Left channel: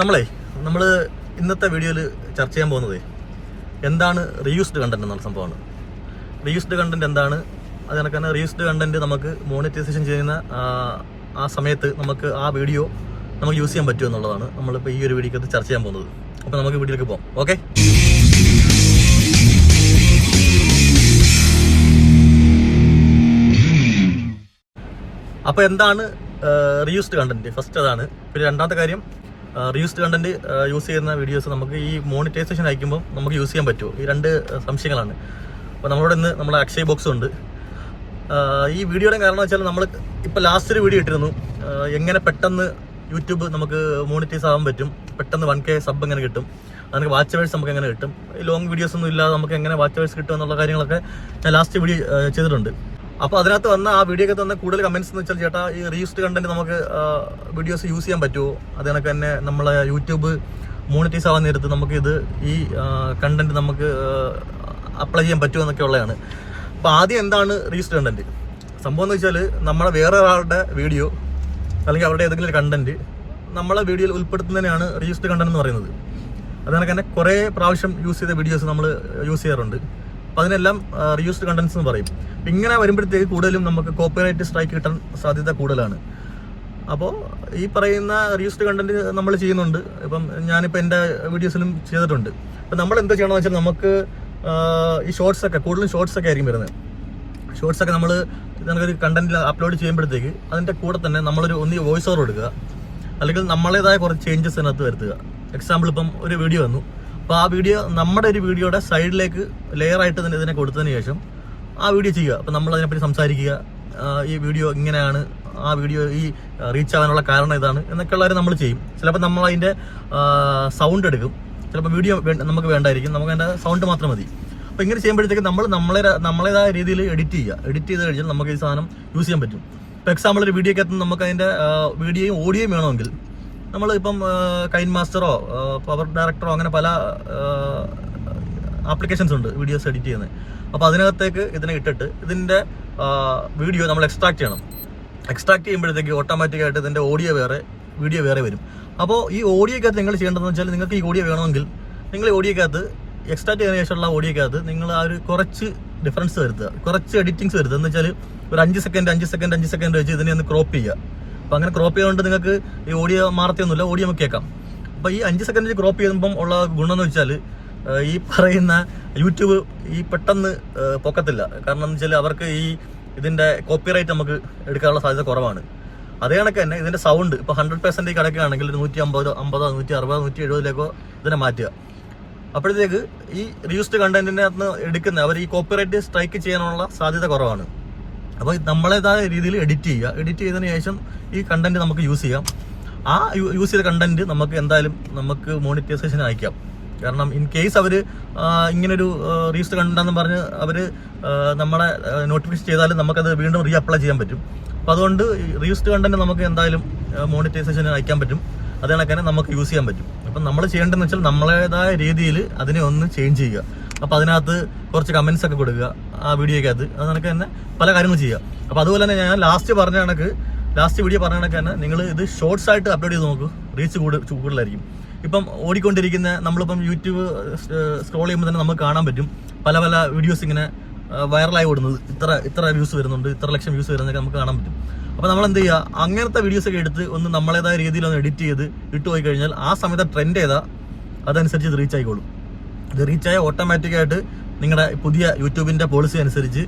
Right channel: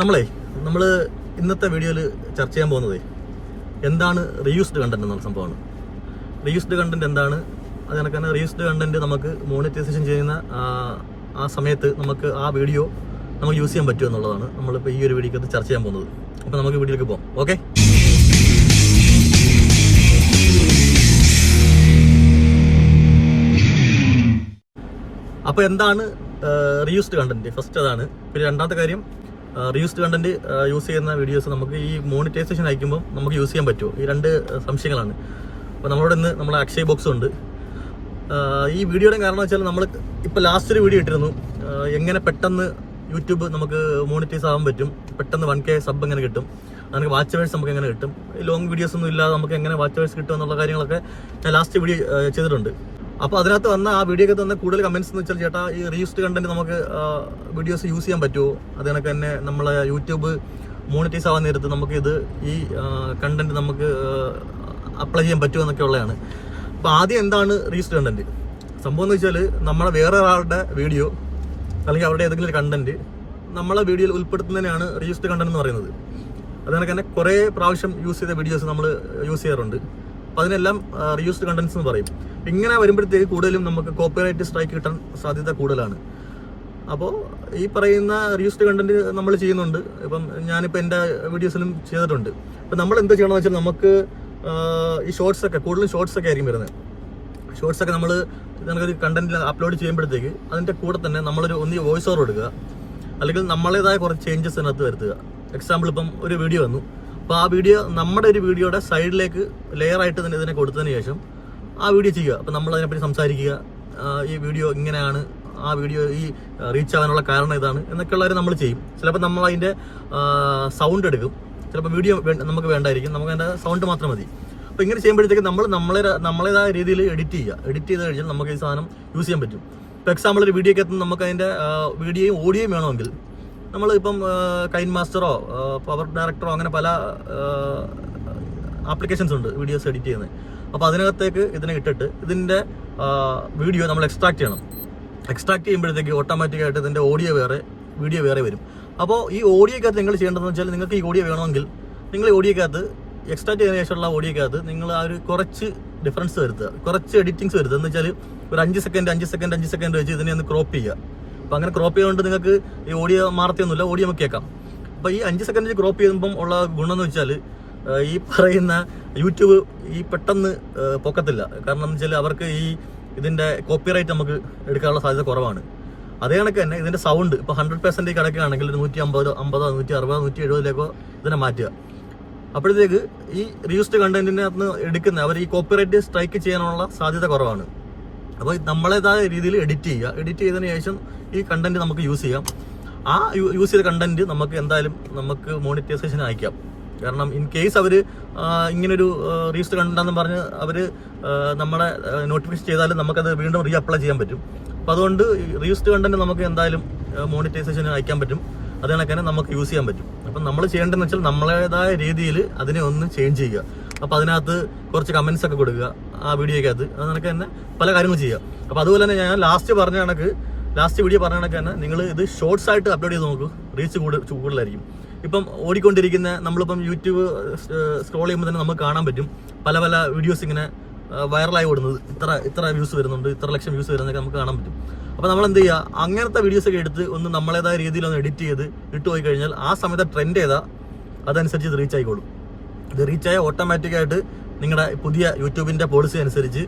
നമ്മളെ നമ്മൾ ഇന്നത്തെ വീഡിയോയിൽ ചർച്ച ചെയ്യാൻ പോകുന്നത് എന്താണ് റീയൂസ്ഡ് കണ്ടന്റ് എന്നുള്ള സംഭവമാണ്. റീയൂസ്ഡ് കണ്ടന്റ് എന്താണ്? അത് കണക്ക് തന്നെ റീയൂസ്ഡ് കണ്ടന്റ് നമുക്ക് മോണിറ്റൈസേഷൻ ചെയ്യുന്ന ആ, സമയത്ത് നമുക്ക് ആ വീഡിയോ നമുക്ക് യൂസ് ചെയ്യാൻ പറ്റുമോ എന്നുള്ളതാണ് നമ്മളിപ്പോൾ ഈ ഒരു വീഡിയോക്കകത്ത് ചർച്ച ചെയ്യാൻ പോകുന്നത്. അപ്പോൾ നമുക്ക് വീഡിയോയിലേക്ക് പോകാം ഓക്കെ അപ്പോൾ എന്താണ് റീയൂസ്ഡ് കണ്ടന്റ് ഫസ്റ്റ് അതാണ്. പിന്നെ രണ്ടാമത്തെ കാര്യം റീയൂസ്ഡ് കണ്ടന്റ് യൂസ് ചെയ്യുന്ന വീഡിയോസ് നമുക്ക് ഈ മോണിറ്റൈസേഷൻ അയക്കുമ്പോൾ നമുക്ക് യൂസ് ചെയ്യാൻ പറ്റുമോ? ഈ രണ്ട് സംശയങ്ങളാണ്. അപ്പോൾ നമ്മളോട് ഇന്ന് നമ്മുടെ അക്ഷയ് ബോക്സ് ഉണ്ട്. ഈ വീഡിയോയുടെ കാരണം വെച്ചാൽ നമ്മൾ ഇപ്പോൾ ലാസ്റ്റ് ഒരു വീഡിയോ ഇട്ടിരുന്നു. എങ്ങനെ പെട്ടെന്ന് യൂട്യൂബ് നമുക്ക് മോണിറ്റൈസ് ആകാൻ പറ്റും? പെട്ടെന്ന് വൺ കെ സബ് എങ്ങനെ കിട്ടും? നമുക്ക് വാച്ച് അവേഴ്സ് നമുക്ക് എങ്ങനെ കിട്ടും? ലോങ് വീഡിയോസ് ഒന്നും ഇല്ലാതെ നമുക്ക് എങ്ങനെ വാച്ച് അവേഴ്സ് കിട്ടും എന്നുള്ള കാര്യങ്ങളൊക്കെ ഞാൻ ലാസ്റ്റ് വീഡിയോ ചെയ്തിട്ടുണ്ട്. അപ്പോൾ അതിനകത്ത് വന്ന ആ വീഡിയോ വന്ന കൂടുതൽ കമന്റ്സ് എന്ന് വെച്ചാൽ ചേട്ടാ ഈ റീയൂസ്ഡ് കണ്ടന്റ് നമുക്ക് വീഡിയോസ് യൂസ് ചെയ്യാൻ പറ്റുമോ? അത് കണക്ക് തന്നെ നമ്മളെ യൂട്യൂബ് മോണിറ്റൈസ് ആവാൻ നേരത്ത് നമുക്ക് ഇത് ഈ കണ്ടന്റ് നമുക്ക് അപ്ലൈ ചെയ്യാൻ പറ്റുമോ എന്നൊക്കെ ഉള്ളതാണ്. അപ്പോൾ ആദ്യം എന്താണ് റീയൂസ്ഡ് കണ്ടന്റ് സംഭവം എന്ന് വെച്ചാൽ നമ്മളെ വേറെ ഒരാളുടെ വീഡിയോ അല്ലെങ്കിൽ അവരുടെ ഏതെങ്കിലും കണ്ടന്റ് നമ്മളെ വീഡിയോയിൽ ഉൾപ്പെടുത്തുന്നതിനാണ് റീയൂസ്ഡ് കണ്ടന്റ് എന്ന് പറയുന്നത്. അത് കണക്ക് തന്നെ കുറേ പ്രാവശ്യം യൂസ് ചെയ്ത വീഡിയോസ് നമ്മൾ യൂസ് ചെയ്യാറുണ്ട്. അപ്പോൾ അതിനെല്ലാം റീയൂസ്ഡ് കണ്ടന്റ്സ് എന്ന് പറയും. ഇങ്ങനെ വരുമ്പോഴത്തേക്ക് കൂടുതലും നമുക്ക് കോപ്പിറൈറ്റ് സ്ട്രൈക്ക് കിട്ടാൻ സാധ്യത കൂടുതലാണ്. അപ്പോൾ ഈ പറയുന്ന റീയൂസ്ഡ് കണ്ടന്റ് നമ്മൾ ചെയ്യുന്നുണ്ട്. ഇപ്പം ഞാനിപ്പോൾ എന്റെ വീഡിയോസിലും ചെയ്തിട്ടുണ്ട്. അപ്പം നമ്മൾ എന്താ ചെയ്യണമെന്ന് വെച്ചാൽ നമുക്ക് ഈ ഷോർട്സ് ഒക്കെ കൂടുതലും ഷോർട്സ് ഒക്കെ ആയിരിക്കും വരുന്നത്. ഷോർട്സ് ഒക്കെ നമ്മൾ നമുക്കൊരു കണ്ടന്റിൽ അപ്ലോഡ് ചെയ്യുമ്പോഴത്തേക്ക് അതിന്റെ കൂടെ തന്നെ നമ്മളൊരു ഒന്ന് വോയിസ് ഓവർ എടുക്കുക. അല്ലെങ്കിൽ നമ്മളേതായ കുറച്ച് ചേഞ്ചസ് അതിനകത്ത് വരുത്തുക. എക്സാമ്പിൾ ഇപ്പം ഒരു വീഡിയോ വന്നു. അപ്പോൾ ആ വീഡിയോ നമ്മുടെ ഒരു വീഡിയോയുടെ സൈഡിലേക്ക് ലെയർ ആയിട്ട് തന്നെ ഇതിനെ കൊടുത്തതിന് ശേഷം ആ വീഡിയോ ചെയ്യുക. അപ്പോൾ നമ്മൾ അതിനെപ്പറ്റി സംസാരിക്കുക ഈ വീഡിയോ ഇങ്ങനെയാണ്. ആ വീഡിയോ ഈ റീച്ച് ആവാനുള്ള കാരണം ഇതാണ്. എന്നൊക്കെ ഉള്ളവരെ നമ്മൾ ചെയ്യും. ചിലപ്പോൾ നമ്മൾ അതിന്റെ സൗണ്ട് എടുക്കും. ചിലപ്പോൾ വീഡിയോ നമുക്ക് വേണ്ടായിരിക്കും. നമുക്ക് അതിന്റെ സൗണ്ട് മാത്രം മതി. അപ്പോൾ ഇങ്ങനെ ചെയ്യുമ്പോഴത്തേക്ക് നമ്മൾ നമ്മളെ നമ്മളേതായ രീതിയിൽ എഡിറ്റ് ചെയ്യുക. എഡിറ്റ് ചെയ്ത് കഴിഞ്ഞാൽ നമുക്ക് ഈ സാധനം യൂസ് ചെയ്യാൻ പറ്റും. ഇപ്പോൾ എക്സാമ്പിൾ ഒരു വീഡിയോ വീഡിയോക്കകത്ത് നമുക്ക് അതിന്റെ വീഡിയോയും ഓഡിയോയും വേണമെങ്കിൽ നമ്മൾ ഇപ്പം കൈൻ മാസ്റ്ററോ പവർ ഡയറക്ടറോ അങ്ങനെ പല ആപ്ലിക്കേഷൻസ് ഉണ്ട് വീഡിയോസ് എഡിറ്റ് ചെയ്യുന്നത്. അപ്പോൾ അതിനകത്തേക്ക് ഇതിനെ ഇട്ടിട്ട് ഇതിന്റെ വീഡിയോ നമ്മൾ എക്സ്ട്രാക്ട് ചെയ്യണം. എക്സ്ട്രാക്ട് ചെയ്യുമ്പോഴത്തേക്ക് ഓട്ടോമാറ്റിക് ആയിട്ട് ഇതിന്റെ ഓഡിയോ വേറെ വീഡിയോ വേറെ വരും. അപ്പോൾ ഈ ഓഡിയോക്കകത്ത് നിങ്ങൾ ചെയ്യേണ്ടതെന്ന് വെച്ചാൽ നിങ്ങൾക്ക് ഈ ഓഡിയോ വേണമെങ്കിൽ നിങ്ങൾ ഓഡിയോക്കകത്ത് എക്സ്ട്രാക്ട് ചെയ്തതിനു ശേഷമുള്ള ഓഡിയോക്കകത്ത് നിങ്ങൾ ആ ഒരു കുറച്ച് ഡിഫറൻസ് വരുത്തുക. കുറച്ച് എഡിറ്റിങ്സ് വരുത്തുക. എന്ന് വെച്ചാൽ ഒരു അഞ്ച് സെക്കൻഡ് അഞ്ച് സെക്കൻഡ് അഞ്ച് സെക്കൻഡ് വെച്ച് ഇതിനെ ഒന്ന് ക്രോപ്പ് ചെയ്യുക. അപ്പോൾ അങ്ങനെ ക്രോപ്പ് ചെയ്തുകൊണ്ട് നിങ്ങൾക്ക് ഈ ഓഡിയോ മാറത്തൊന്നുമില്ല ഓഡിയോ നമുക്ക് കേൾക്കാം. അപ്പോൾ ഈ അഞ്ച് സെക്കൻഡിൽ ക്രോപ്പ് ചെയ്യുമ്പം ഉള്ള ഗുണം എന്ന് വെച്ചാൽ ഈ പറയുന്ന യൂട്യൂബ് ഈ പെട്ടെന്ന് പൊക്കത്തില്ല. കാരണം എന്ന് വെച്ചാൽ അവർക്ക് ഈ ഇതിന്റെ കോപ്പിറൈറ്റ് നമുക്ക് എടുക്കാനുള്ള സാധ്യത കുറവാണ്. അതേ കണക്ക് തന്നെ ഇതിന്റെ സൗണ്ട് ഇപ്പോൾ ഹൺഡ്രഡ് പെർസെന്റ് കിടക്കുകയാണെങ്കിൽ നൂറ്റി അമ്പത് അമ്പതോ നൂറ്റി അറുപതോ നൂറ്റി എഴുപതിലേക്കോ ഇതിനെ മാറ്റുക. അപ്പോഴത്തേക്ക് ഈ റീയൂസ്ഡ് കണ്ടന്റിനെ അന്ന് എടുക്കുന്ന അവർ ഈ കോപ്പിറൈറ്റ് സ്ട്രൈക്ക് ചെയ്യാനുള്ള സാധ്യത കുറവാണ്. അപ്പോൾ നമ്മളേതായ രീതിയിൽ എഡിറ്റ് ചെയ്യുക. എഡിറ്റ് ചെയ്തതിന് ശേഷം ഈ കണ്ടന്റ് നമുക്ക് യൂസ് ചെയ്യാം. ആ യൂസ് ചെയ്ത കണ്ടന്റ് നമുക്ക് എന്തായാലും നമുക്ക് മോണിറ്റൈസേഷൻ അയക്കാം. കാരണം ഇൻ കേസ് അവർ ഇങ്ങനൊരു റീസ് കണ്ടെന്ന് പറഞ്ഞ് അവർ നമ്മളെ നോട്ടിഫിക്കേഷൻ ചെയ്താലും നമുക്കത് വീണ്ടും റീ അപ്ലൈ ചെയ്യാൻ പറ്റും. അപ്പോൾ അതുകൊണ്ട് റീസ്റ്റ് കണ്ടന്റ് നമുക്ക് എന്തായാലും മോണിറ്റൈസേഷൻ അയക്കാൻ പറ്റും. അത് കണക്കാനും നമുക്ക് യൂസ് ചെയ്യാൻ പറ്റും. അപ്പം നമ്മൾ ചെയ്യേണ്ടതെന്ന് വെച്ചാൽ നമ്മളേതായ രീതിയിൽ അതിനെ ഒന്ന് ചേഞ്ച് ചെയ്യുക. അപ്പോൾ അതിനകത്ത് കുറച്ച് കമൻസ് ഒക്കെ കൊടുക്കുക ആ വീഡിയോക്കകത്ത് അത്. കണക്ക് തന്നെ പല കാര്യങ്ങളും ചെയ്യുക അപ്പോൾ അതുപോലെ തന്നെ ഞാൻ ലാസ്റ്റ് പറഞ്ഞ കണക്ക് ലാസ്റ്റ് വീഡിയോ പറഞ്ഞ കണക്ക് തന്നെ നിങ്ങൾ ഇത് ഷോർട്സ് ആയിട്ട് അപ്ലോഡ് ചെയ്ത് നോക്കൂ. റീച്ച് കൂടുതൽ കൂടുതലായിരിക്കും ഇപ്പം ഓടിക്കൊണ്ടിരിക്കുന്ന നമ്മളിപ്പം യൂട്യൂബ് സ്ക്രോൾ ചെയ്യുമ്പോൾ തന്നെ നമുക്ക് കാണാൻ പറ്റും. പല പല വീഡിയോസ് ഇങ്ങനെ വൈറലായി ഓടുന്നത്. ഇത്ര ഇത്ര വ്യൂസ് വരുന്നുണ്ട് ഇത്ര ലക്ഷം വ്യൂസ് വരുന്നതൊക്കെ നമുക്ക് കാണാൻ പറ്റും. അപ്പോൾ നമ്മൾ എന്ത് ചെയ്യുക അങ്ങനത്തെ വീഡിയോസ് ഒക്കെ എടുത്ത് ഒന്ന് നമ്മളേതായ രീതിയിൽ ഒന്ന് എഡിറ്റ് ചെയ്ത് ഇട്ട് പോയി കഴിഞ്ഞാൽ ആ സമയത്ത് ട്രെൻഡ് ചെയ്താൽ അതനുസരിച്ച് ഇത് റീച്ച് ആയിക്കോളും. ഇത് റീച്ച് ഓട്ടോമാറ്റിക്കായിട്ട് നിങ്ങളുടെ പുതിയ യൂട്യൂബിന്റെ പോളിസി അനുസരിച്ച്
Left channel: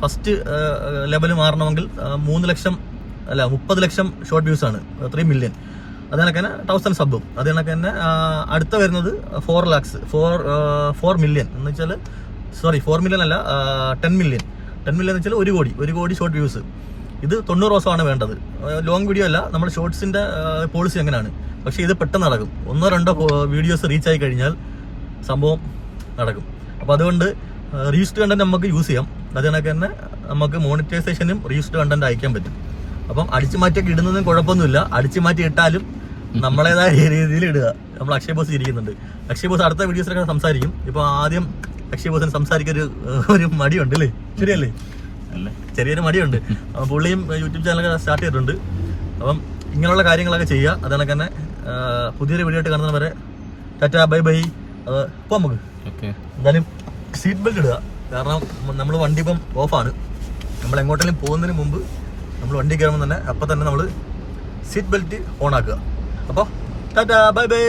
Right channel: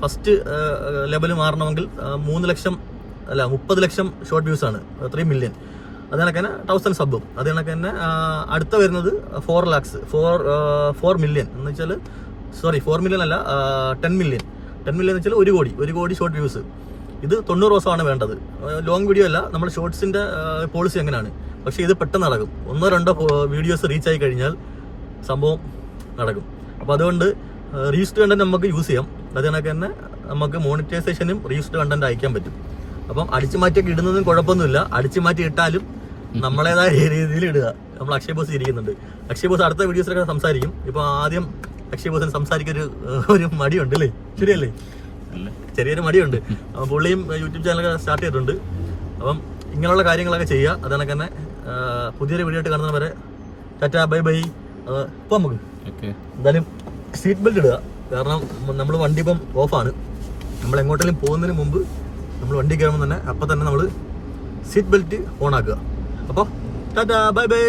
ഫസ്റ്റ് ലെവൽ മാറണമെങ്കിൽ മൂന്ന് ലക്ഷം അല്ല മുപ്പത് ലക്ഷം ഷോർട്ട് വ്യൂസ് ആണ്. ത്രീ മില്യൺ അത് കണക്ക് തന്നെ തൗസൻഡ് സബും അത് കണക്ക് തന്നെ അടുത്ത വരുന്നത് four lakhs four four million എന്ന് വെച്ചാൽ സോറി ഫോർ മില്യൺ അല്ല ടെൻ മില്യൺ ടെൻ മില്യൺ എന്ന് വെച്ചാൽ ഒരു കോടി ഒരു കോടി ഷോർട്ട് വ്യൂസ് ഇത് തൊണ്ണൂറ് ദിവസമാണ് വേണ്ടത്. ലോങ് വീഡിയോ അല്ല നമ്മൾ ഷോർട്സിന്റെ പോളിസി എങ്ങനെയാണ്? പക്ഷേ ഇത് പെട്ടെന്ന് നടക്കും. ഒന്നോ രണ്ടോ വീഡിയോസ് റീച്ച് ആയി കഴിഞ്ഞാൽ സംഭവം നടക്കും. അപ്പോൾ അതുകൊണ്ട് റീസ്റ്റ് കണ്ടന്റ് നമുക്ക് യൂസ് ചെയ്യാം. അത് കണക്ക് തന്നെ നമുക്ക് മോണിറ്റൈസേഷനും റീസ്റ്റ് കണ്ടന്റ് അയക്കാൻ പറ്റും. അപ്പം അടിച്ചു മാറ്റിയൊക്കെ ഇടുന്നതും കുഴപ്പമൊന്നുമില്ല. അടിച്ചു മാറ്റി ഇട്ടാലും നമ്മളേതായ രീതിയിൽ ഇടുക. നമ്മൾ അക്ഷയ് ബോസ് ഇരിക്കുന്നുണ്ട് അക്ഷയ് ബോസ് അടുത്ത വീഡിയോസിലൊക്കെ സംസാരിക്കും. ഇപ്പൊ ആദ്യം അക്ഷയ് ബോസിന് സംസാരിക്കാൻ ഒരു ഒരു മടിയുണ്ട് അല്ലേ? ശരിയല്ലേ? ചെറിയൊരു മടിയുണ്ട്. അപ്പൊ പുള്ളിയും യൂട്യൂബ് ചാനലൊക്കെ സ്റ്റാർട്ട് ചെയ്തിട്ടുണ്ട്. അപ്പം ഇങ്ങനെയുള്ള കാര്യങ്ങളൊക്കെ ചെയ്യുക. അതാണ് തന്നെ പുതിയൊരു വീഡിയോ ആയിട്ട് കാണുന്നവരെ ടാറ്റ ബൈ ബൈ. ഇപ്പോൾ നമുക്ക് എന്തായാലും സീറ്റ് ബെൽറ്റ് ഇടുക. കാരണം നമ്മൾ വണ്ടി ഇപ്പം ഓഫാണ് നമ്മൾ എങ്ങോട്ടെങ്കിലും പോകുന്നതിന് മുമ്പ് നമ്മൾ വണ്ടി കയറുമ്പോൾ തന്നെ അപ്പം തന്നെ നമ്മൾ സീറ്റ് ബെൽറ്റ് ഓൺ ആക്കുക. അപ്പോൾ ടാറ്റ ബൈ ബൈ